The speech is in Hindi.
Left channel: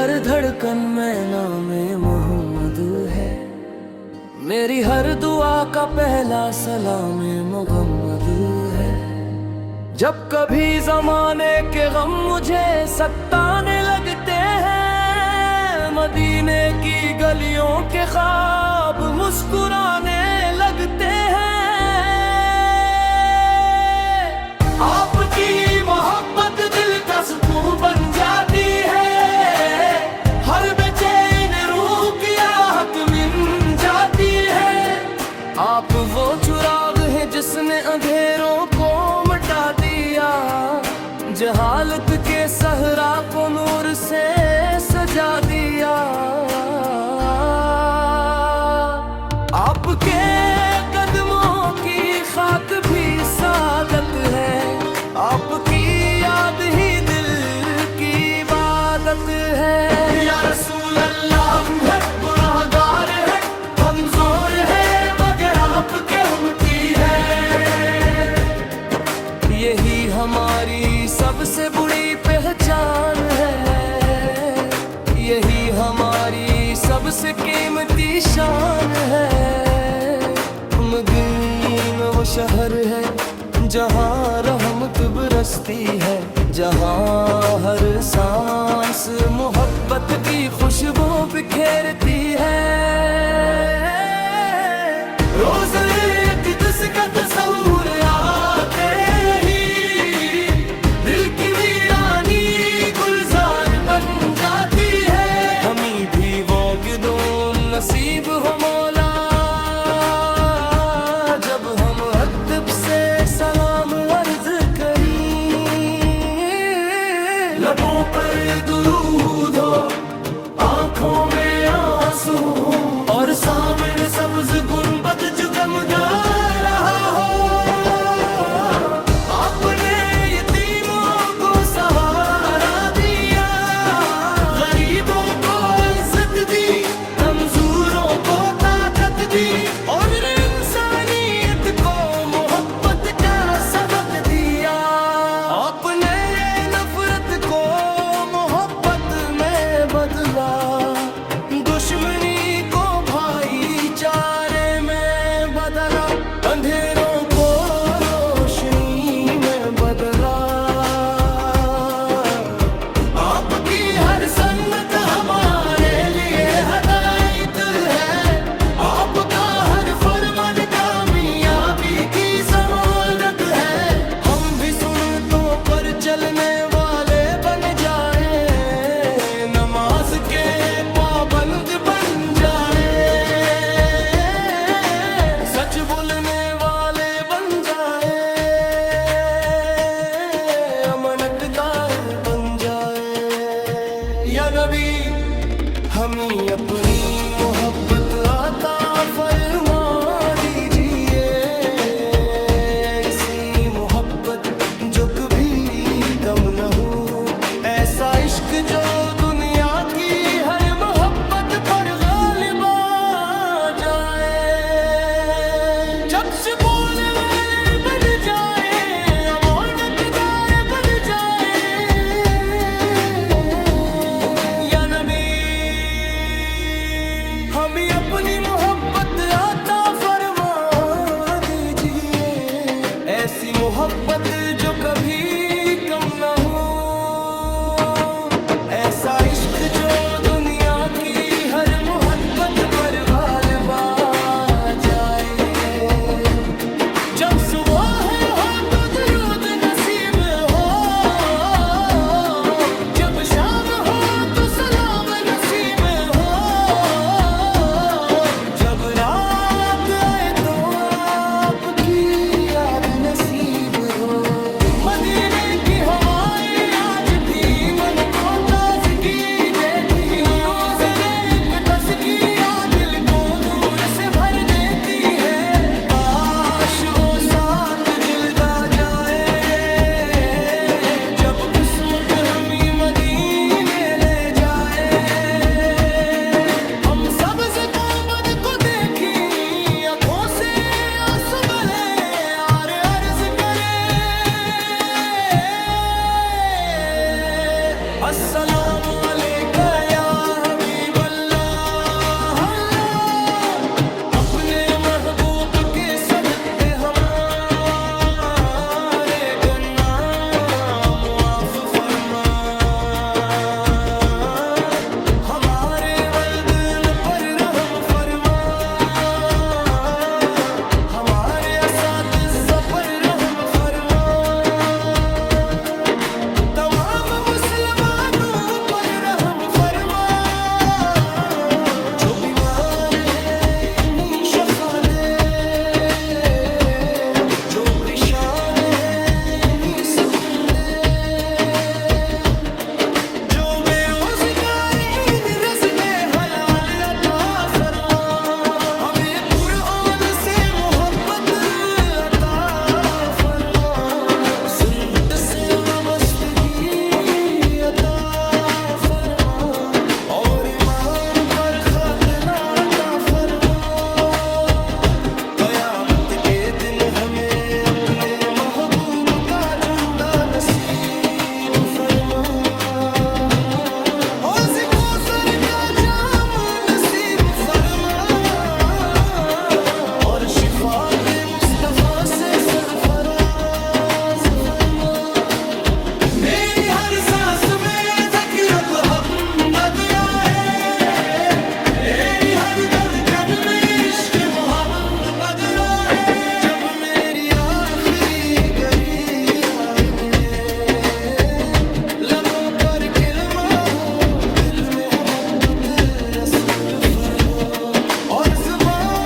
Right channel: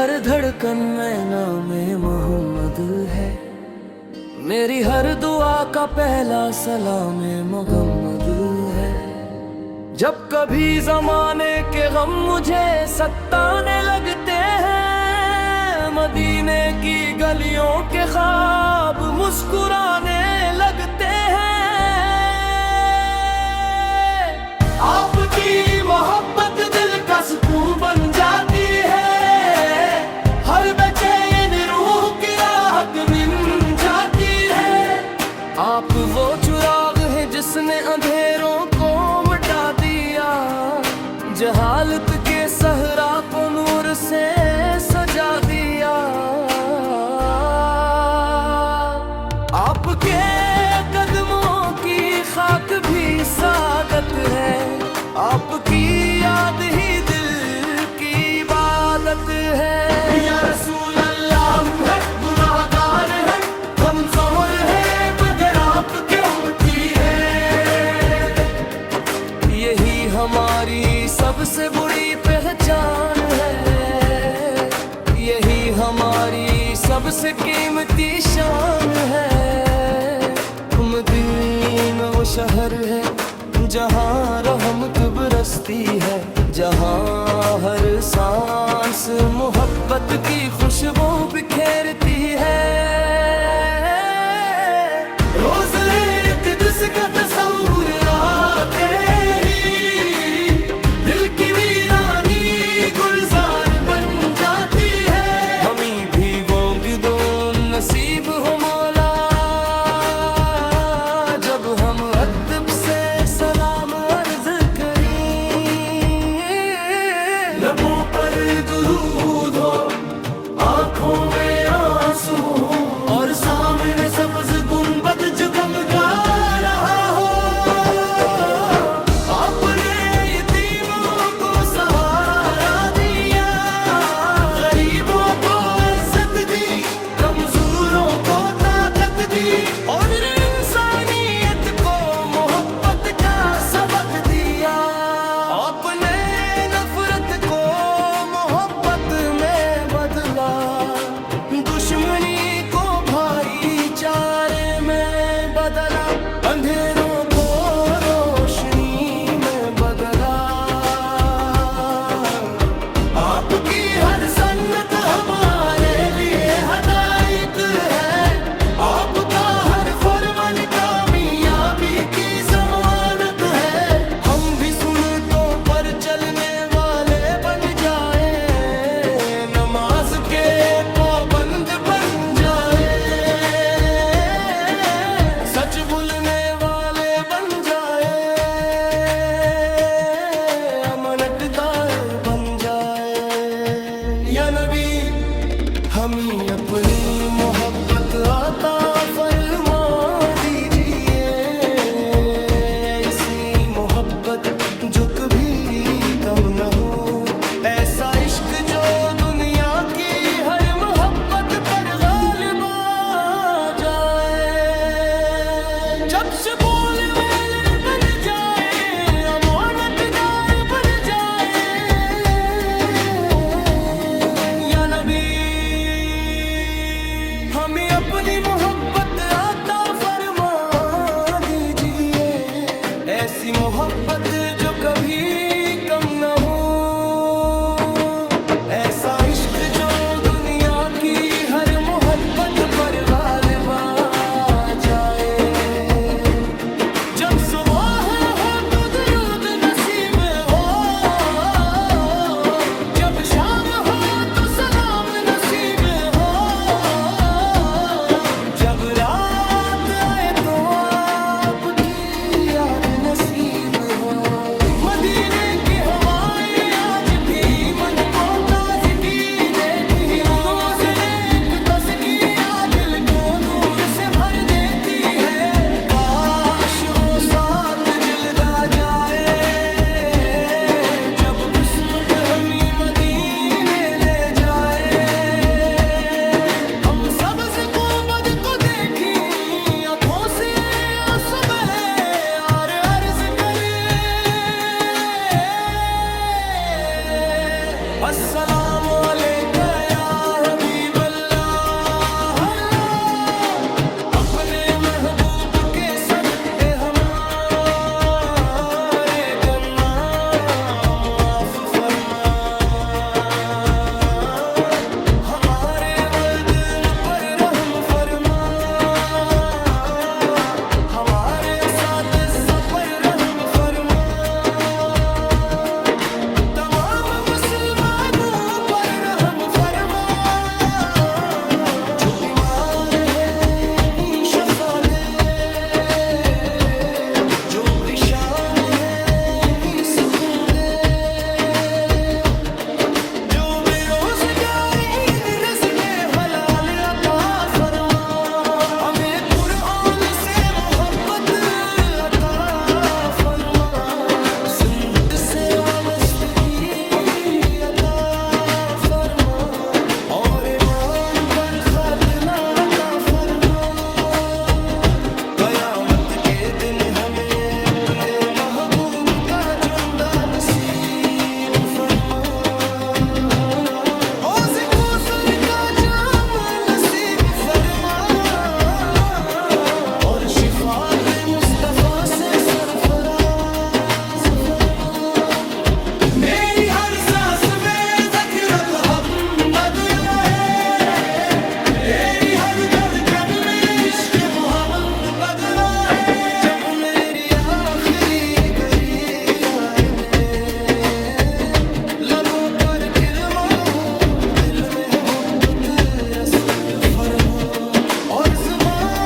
हर धड़कन में नामे मोहम्मद है, मेरी हर दुआ का पहला सलामे मोहम्मद है। जब कभी जमाने के गम मुझे सताने लगते हैं, मदीने की गलियों के ख्वाब मुस्कुराने लगते हैं। आपकी मोहब्बत दिल का सुकून बन जाती है, हर बेचैन रूह की आहट मिट जाती है। आप वो चिराग है जिसने अंधेरों को मिटा दिया, जहालत के सहरा को नूर से सजा दिया। आपके कदमों की खाक भी सादत है, आपकी याद ही दिल की इबादत है। या रसूल अल्लाह, हम हैं गुनाहगार हैं, कमजोर हैं, मगर आपके उम्मती हैं। यही हमारी सबसे बड़ी पहचान है, यही हमारी सबसे कीमती शान है। मदीना वो शहर है जहाँ रहमत बरसती है, जहाँ हर सांस मोहब्बत की खुशबू बिखेरती है। रोज एक जिसका तस्वुर आते ही दिल की वीरानी गुलजार बन जाती है। हमें भी वो गिदों नसीब हो मौला, जब हम अदब से सलाम अर्ज करें। लबों पर दुरूद हो, आंखों में आंसू हो, और सामने सब्ज गुंबद जगमगा रहा हो। आपने यतीमों को सहारा दिया, गरीबों को इज्जत दी, कमजोरों को ताकत दी, और इंसानियत को मोहब्बत का सबक दिया। आपने नफरत को मोहब्बत में बदला, दुश्मनी को भाईचारे में बदला, अंधेरों को रोशनी में बदला। आपकी हर सन्नत हमारे लिए हदायत है, आपका हर फरमान कामयाबी की जमानत है। हम भी सुन्नतों पर चलने वाले बन जाए, नमाज के पाबंद बन जाए, सच बोलने वाले बन जाए, अमानत कायल बन जाए। या नबी, हमें अपनी मोहब्बत अता फरमा दीजिए, ऐसी मोहब्बत जो कभी कम न हो, ऐसा इश्क जो दुनिया की हर मोहब्बत पर गालिब आ जाए। जब से बोले वाले बन जाए, अमानतदार बन जाए। या नबी, हमें अपनी मोहब्बत अता फरमा दीजिए, ऐसी मोहब्बत जो कभी कम न हो, ऐसा इश्क जो दुनिया की हर मोहब्बत पर गालिब आ जाए। जब सुबह हो तो दरूद नसीब हो, जब शाम हो तो सलाम नसीब हो, जब रात आए तो आपकी याद नसीब हो। मदीने की हवाएं आज भी मन को ताजगी देती, नूज़-ए अक़दस की याद दिल को नूर से भर देती है। काश वो साथ जिल्दा जाए, जब किस्मत हमें मदीने ले जाए। हम सबज़ गुंबद को देखी आँखों से आंसू बहे, और अर्ज़ करे अस्सलाम अलैका या शान है इन्हीं सुकून दे जो बेरोजगार इन रज़्क़े हलाल अता फरमा हमें कुरान से मोहब्बत अता फरमा सुन्नत से वाबस्तगी अता फरमा और ईमान पर खातना अता फरमा क़यामत के दिन हमें अपने महबूब का जुंदा नसीब फरमा हौज़ कौसर का जाम नसीब फरमा और शिफात मुस्तफ़ा से सरफराज फरमा मेरी हर सांस में ज़िक्र अब मोहम्मद आए मेरी हर धड़कन में इश्क़ मोहम्मद बदरा है जब मेरी आखिरी गरी आए मिले लबों पर किलमा हो दिल में मोहब्बत रसूल फर हो और ज़ुबान